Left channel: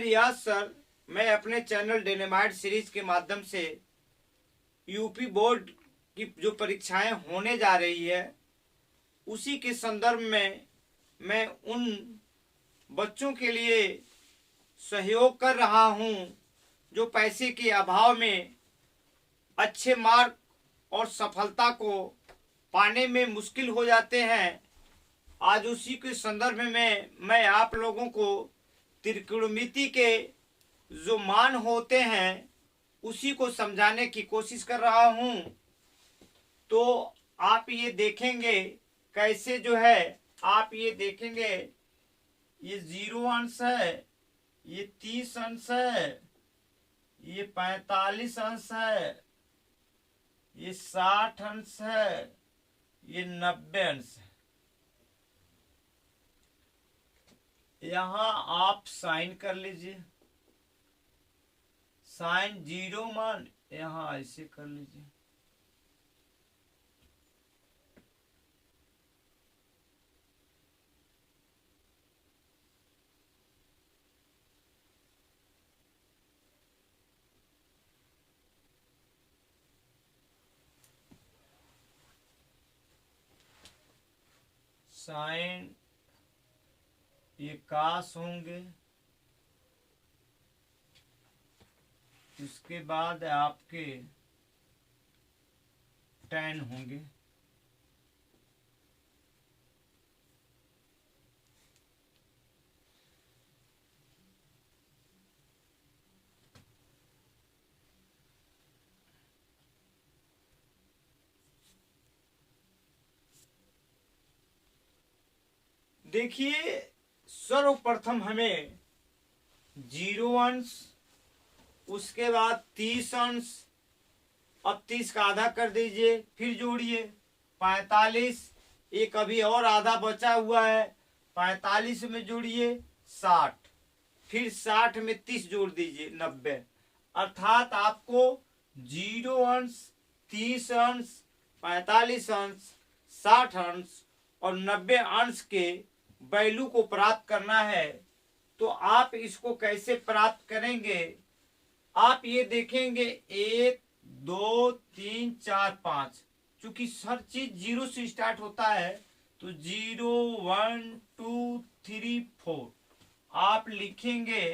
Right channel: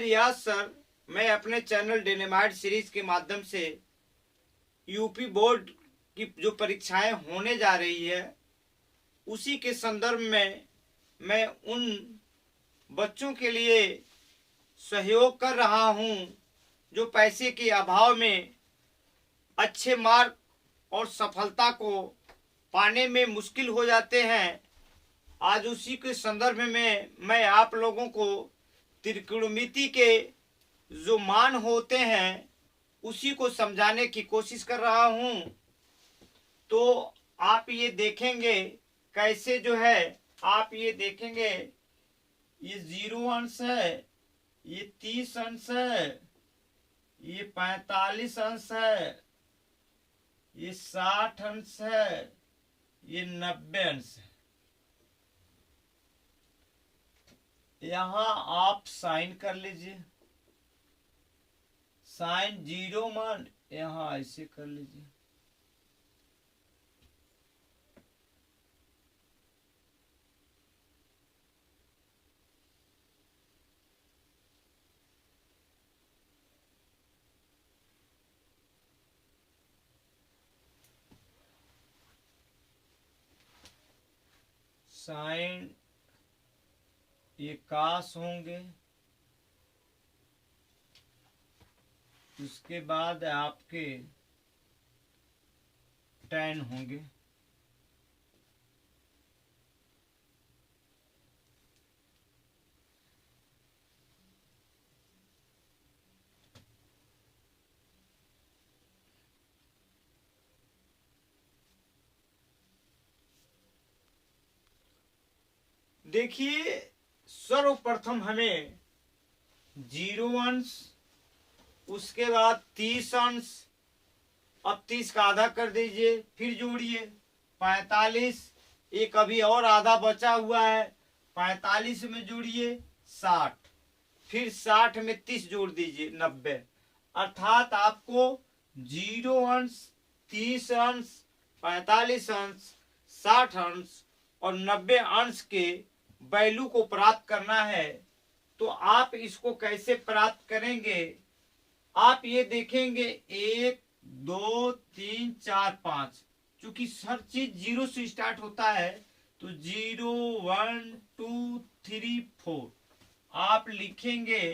रियाज sir. मैं अपने channel डेनेमाइट series के माध्यम से यूपी बोर्ड की जो परीक्षाएं होने जा रही है उसी के संदर्भ में मैं उन बच्चों के लिए सहयोग कर रहा हूं जो पैसे के अभाव में अच्छे मार्क और सफलता को पाने में मुश्किल हो जाते हैं। आज उसी के संदर्भ में मैं आप लोगों को त्रिकोणमिति के जो मान होते हैं उसी को समझाने की कोशिश कर रहा हूं। तो आप ये देखेंगे कैसे जो है, आप ये देखेंगे ये 0 अंश है, ये 30 अंश है, ये 45 अंश है, ये 60 अंश है, ये 90 अंश है। यहां आप साइन कर लीजिए, साइन 0 मान यहां ऐसे कर लीजिए। साइन ये कास होंगे, उसके बाद आपके टैन होंगे। देखिए सर्वप्रथम हमें 0 अंश, उसके बाद 30 अंश, अब 30 का आधा कर दीजिए, फिर जोड़िए 45, एक अभी और आधा बचा हुआ है, 45 में जोड़िए 60, फिर 60 में 30 जोड़ दीजिए 90। अर्थात आपको 0 अंश, 30 अंश, 45 अंश, 60 अंश और 90 अंश के वैल्यू को प्राप्त करना है। तो आप इसको कैसे प्राप्त करेंगे, आप ये देखेंगे 1 2 3 4 5, चूंकि हर चीज 0 से स्टार्ट होता है तो 0 1 2 3 4 आप लिखेंगे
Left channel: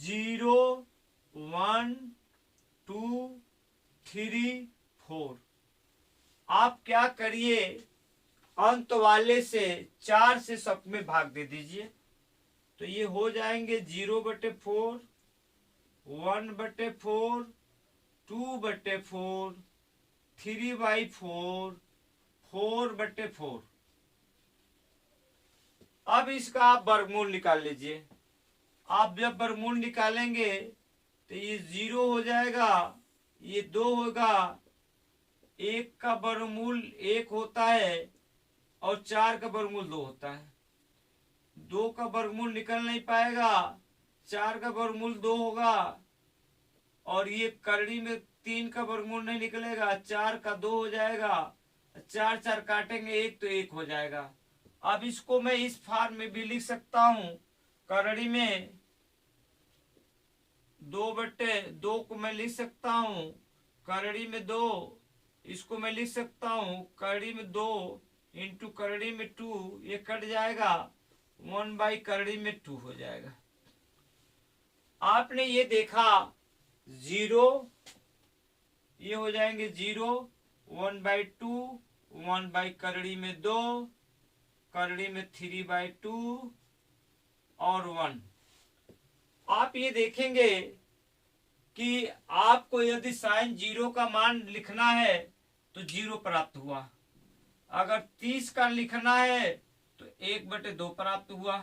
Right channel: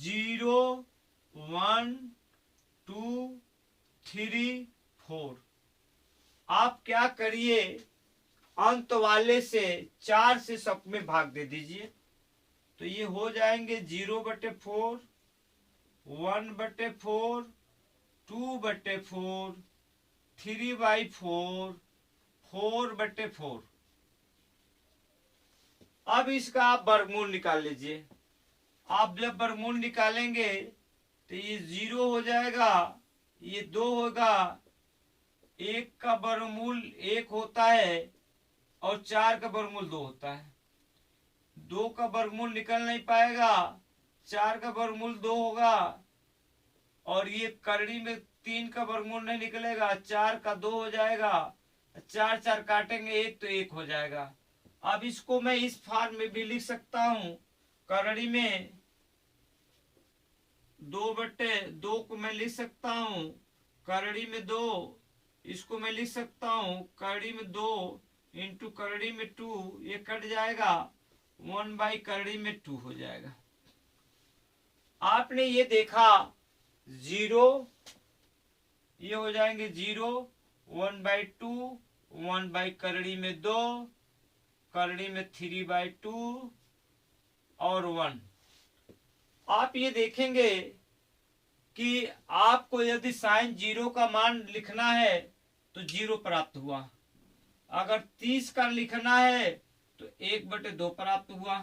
0 1 2 3 4। आप क्या करिए, अंत वाले से 4 से सब में भाग दे दीजिए, तो ये हो जाएंगे 0/4, 1/4, 2/4, 3/4, 4/4। अब इसका आप वर्गमूल निकाल लीजिए। आप जब वर्गमूल निकालेंगे तो ये 0 हो जाएगा, ये 2 होगा, 1 का वर्गमूल 1 होता है और 4 का वर्गमूल 2 होता है। 2 का वर्गमूल निकल नहीं पाएगा, 4 का वर्गमूल 2 होगा, और ये करड़ी में 3 का वर्गमूल नहीं निकलेगा, 4 का 2 हो जाएगा, 4 4 काटेंगे 1 तो 1 हो जाएगा। अब इसको मैं इस फॉर्म में भी लिख सकता हूं, करड़ी में 2/2 को मैं लिख सकता हूं, करड़ी में 2, इसको मैं लिख सकता हूं करड़ी में 2 इंटू करड़ी में 2, ये कट जाएगा, 1/करड़ी में 2 हो जाएगा। आपने ये देखा 0, ये हो जाएंगे 0, 1/2, 1/करड़ी में 2, करड़ी में 3/2 और 1। आप ये देखेंगे कि आपको यदि साइन 0 का मान लिखना है तो 0 प्राप्त हुआ, अगर 30 का लिखना है तो 1/2 प्राप्त हुआ,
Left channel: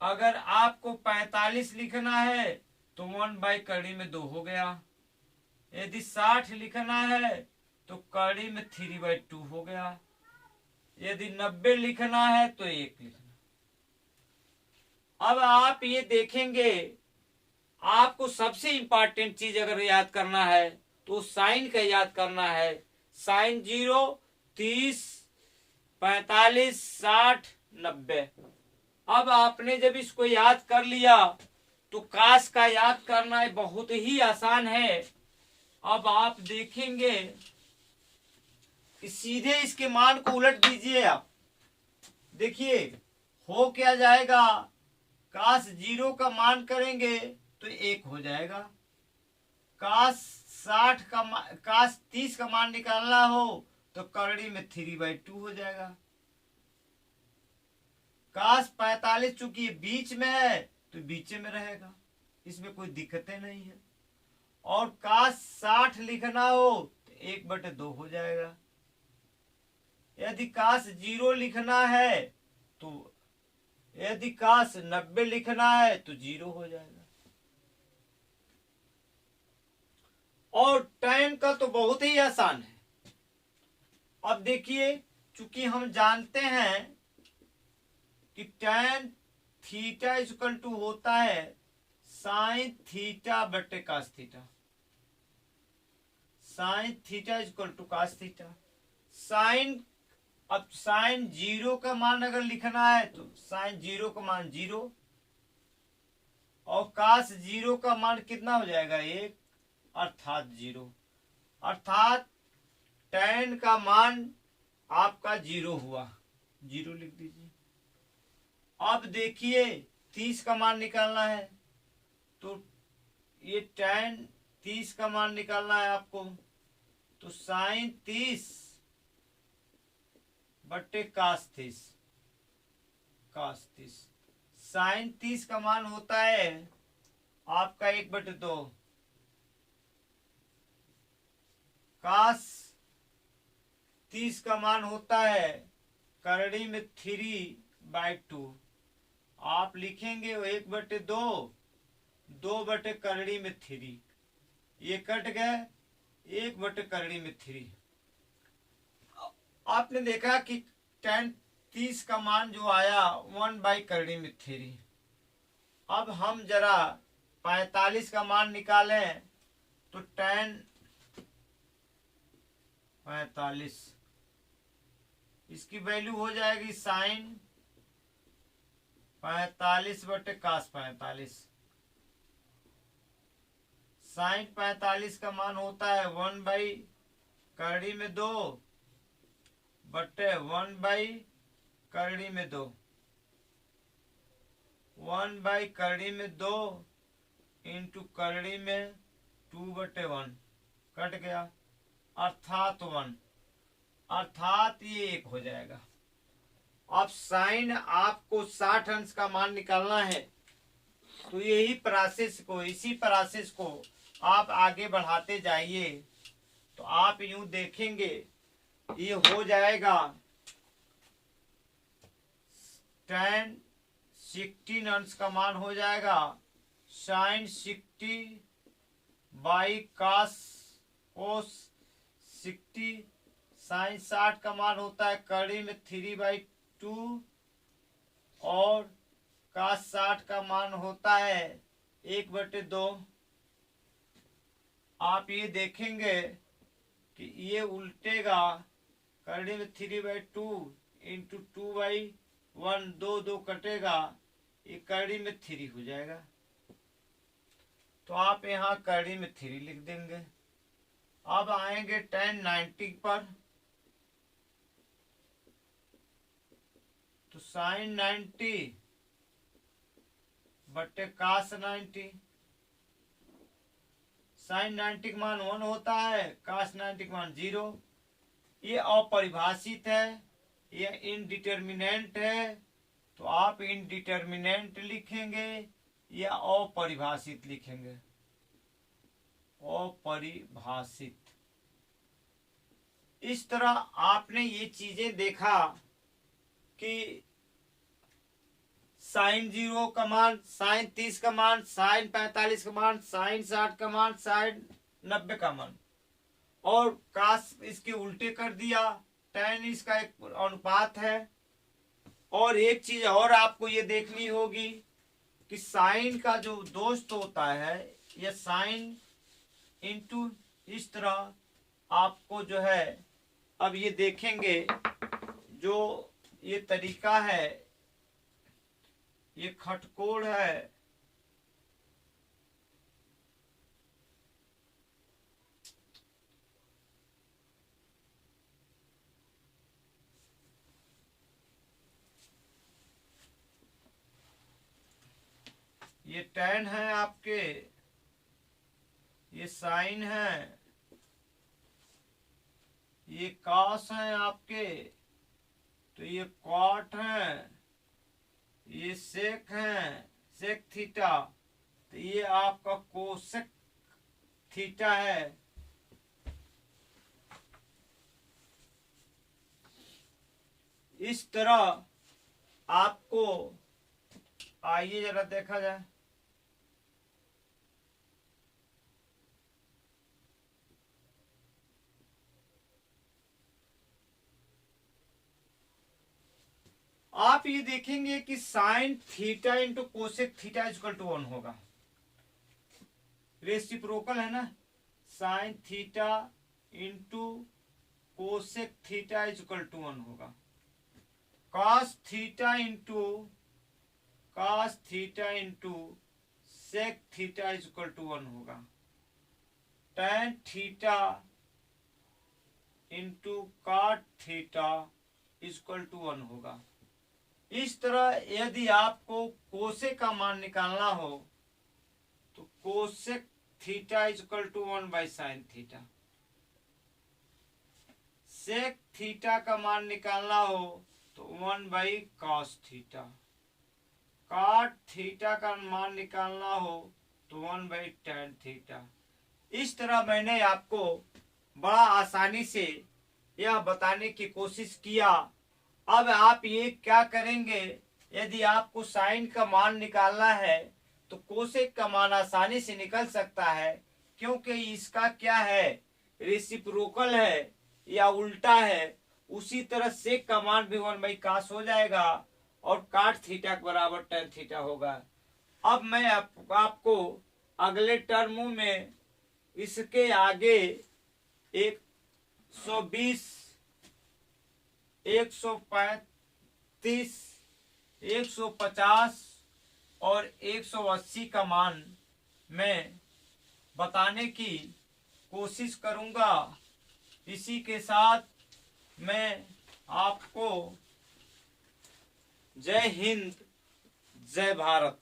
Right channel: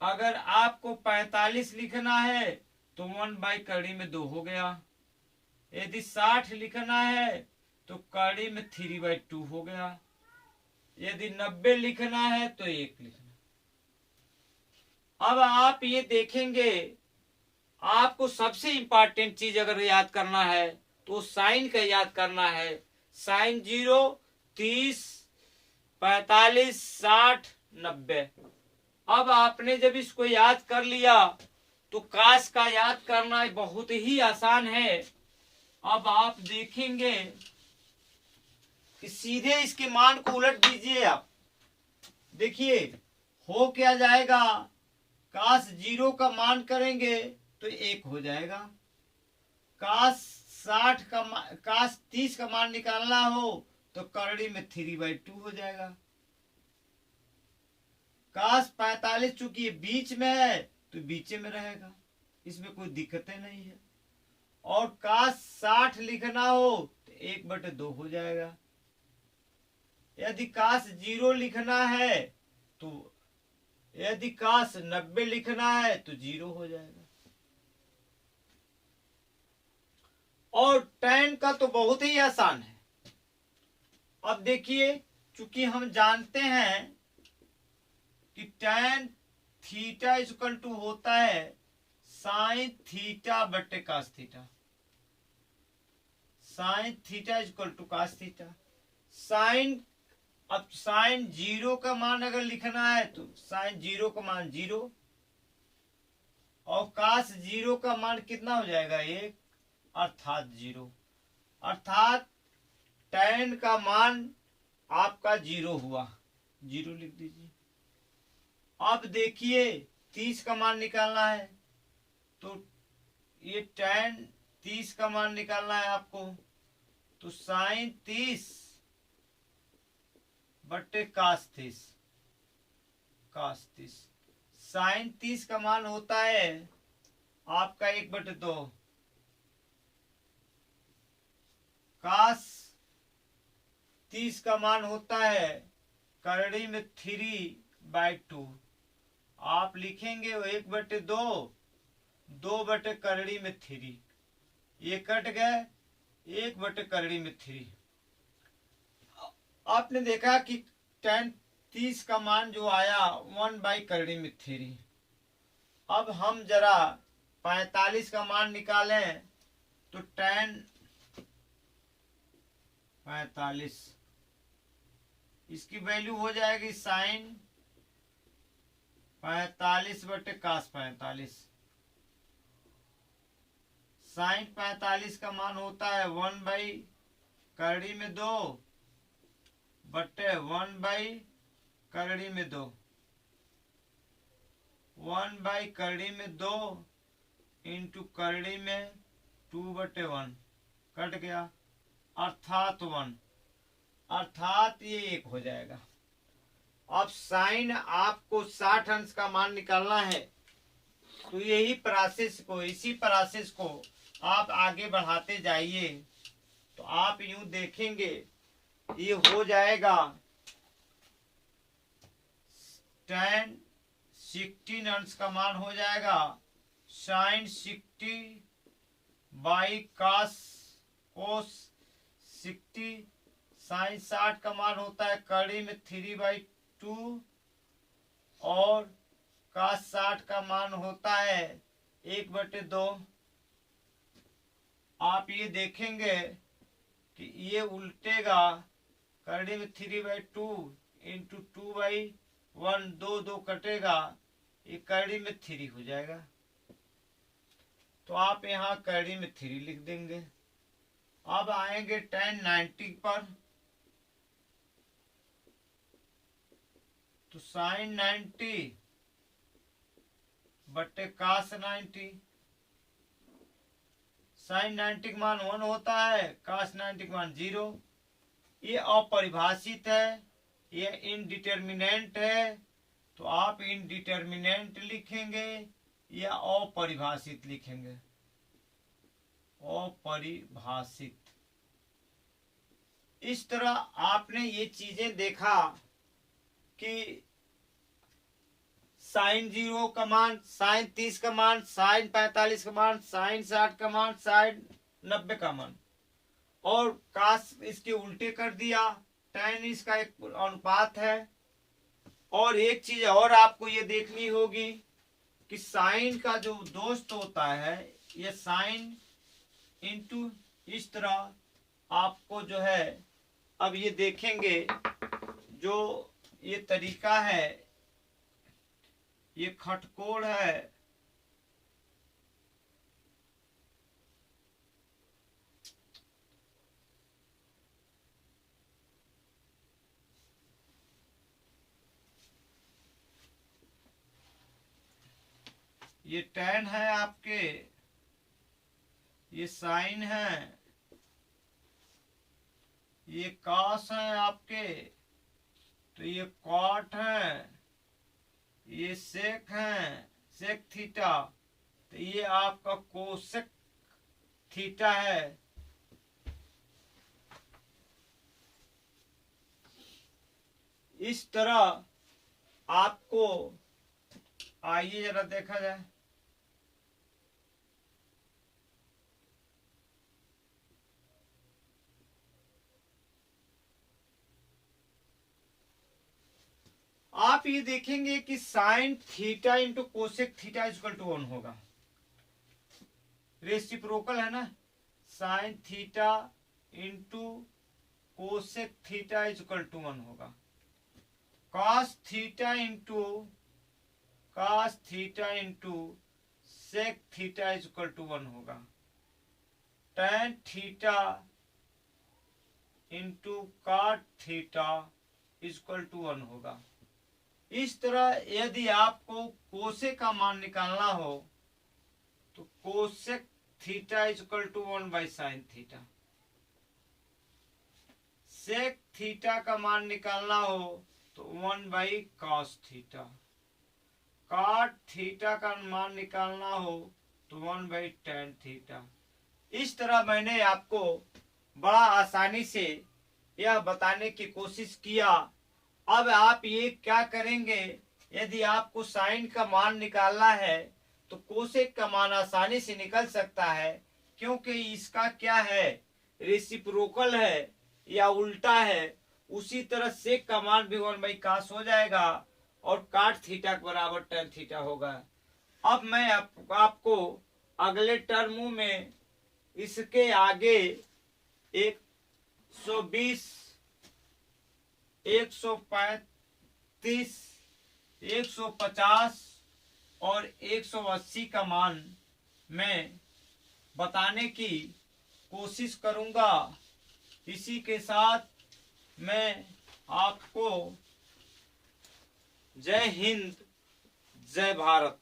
अगर आपको 45 लिखना है तो 1/करड़ी में 2 हो गया, यदि 60 लिखना है तो करड़ी में 3/2 हो गया, यदि 90 लिखना है तो 1 लिखना। अब आप ये देखेंगे, आपको सबसे इंपॉर्टेंट चीज अगर याद करना है तो साइन का याद करना है। साइन 0, 30, 45, 60, 90। अब आपने जब इसको याद कर लिया तो काश का याद करना बहुत ही आसान है। अब आप देखेंगे कि सीधे इसके मान को उलट दीजिए। आप देखिए हो क्या जाएगा, काश 0 का मान करेंगे तो 1 हो जाएगा। काश 30 का मान निकालना हो तो करड़ी में 3/2 हो जाएगा। काश 45 चूंकि बीच में है तो बीच में रहेगा, इसमें कोई दिक्कतें नहीं है। और काश 60 लिखना हो तो 1/2 हो जाएगा। यदि काश 0 लिखना है तो, यदि काश 90 लिखना है तो 0 हो जाएगा। और tan का तो बहुत ही आसान है। अब देखिए चूंकि हम जानते हैं कि tan थीटा इक्वल टू होता है साइन थीटा बटे cos theta. Sine theta equal to cos theta. Sine, अब साइन 0 का मान अगर लिखना है तो साइन 0 का मान 0 और कास 0 का मान कितना हो जाएगा 1 अर्थात 0। अर्थात tan का मान आपका 0 हुआ, 0 लिख दीजिए। अब देखिए 30 का मान निकालना है तो ये tan 30 का मान निकालना है आपको, तो साइन 30 बट्टे कास 30। कास 30 साइन 30 का मान होता है आपका 1/2। कास 30 का मान होता है करड़ी में 3/2। आप लिखेंगे 1/2, 2/करड़ी में 3, ये कट गए, 1/करड़ी में 3। आपने देखा कि tan 30 का मान जो आया 1/करड़ी में 3। अब हम जरा 45 का मान निकालें तो tan 45 इसकी वैल्यू हो जाएगी साइन 45 बटे कास 45। साइन 45 का मान होता है 1/करड़ी में 2 बटे 1/करड़ी में 2। 1/करड़ी में 2 इंटू करड़ी में 2/1 कट गया, अर्थात 1, अर्थात ये 1 हो जाएगा। अब साइन आपको 60 अंश का मान निकालना है तो यही प्रोसेस को, इसी प्रोसेस को आप आगे बढ़ाते जाइए तो आप यूं देखेंगे ये हो जाएगा tan 16 अंश का मान हो जाएगा sine 60 by cos cos 60। Sine 60 का मान होता है कड़ी में 3/2 और कास 60 का मान होता है 1/2। आप ये देखेंगे कि ये उल्टेगा, करड़ी में 3/2 इंटू 2/1, 2 कटेगा, ये करड़ी में 3 हो जाएगा। तो आप यहाँ करड़ी में 3 लिख देंगे। अब आएंगे tan 90 पर, तो साइन 90 बट्टे कास 90। साइन 90 का मान 1 होता है, कास 90 का मान 0। ये अपरिभाषित है, ये इनडिटर्मिनेंट है, तो आप इनडिटर्मिनेंट लिखेंगे या अपरिभाषित लिखेंगे, अपरिभाषित। इस तरह आपने ये चीजें देखा कि साइन 0 का मान, साइन 30 का मान, साइन 45 का मान, साइन 60 का मान, साइन 90 का मान, और कास इसके उल्टे कर दिया। tan इसका एक अनुपात है। और एक चीज और आपको ये देखनी होगी कि साइन का जो दोस्त होता है, ये साइन इंटू इस तरह आपको जो है, अब ये देखेंगे जो ये तरीका है, ये खटकोण है, ये टैन है आपके, ये साइन है, ये कास है आपके, तो ये कॉट है, ये सेक है, सेक थीटा, तो ये आपका कोसेक थीटा है। इस तरह आपको, आइए जरा देखा जाए, आप ये देखेंगे कि sine theta into cosec theta equal to 1 होगा। रेसिप्रोकल है ना, sine theta into cosec theta equal to 1 होगा। Cos theta into sec theta equal to 1 होगा। Tan theta into cot theta equal to 1 होगा। इस तरह यदि आपको कोसेक का मान निकालना हो तो cosec theta equal to 1 by sine theta, sec theta का मान निकालना हो तो 1 by cos theta, cot theta का मान निकालना हो तो 1 बाई टैन थीटा। इस तरह मैंने आपको बड़ा आसानी से यह बताने की कोशिश किया। अब आप ये क्या करेंगे, यदि आपको साइन का मान निकालना है तो कोसेक का मान आसानी से निकल सकता है, क्योंकि इसका क्या है, रेसिप्रोकल है या उल्टा है। उसी तरह सेक का मान भी 1 बाई कास हो जाएगा और काट थीटा के बराबर टैन थीटा होगा। अब मैं आपको अगले टर्म में इसके आगे 120, 135, 150 और 180 का मान मैं बताने की कोशिश करूंगा। इसी के साथ मैं आपको जय हिंद, जय भारत।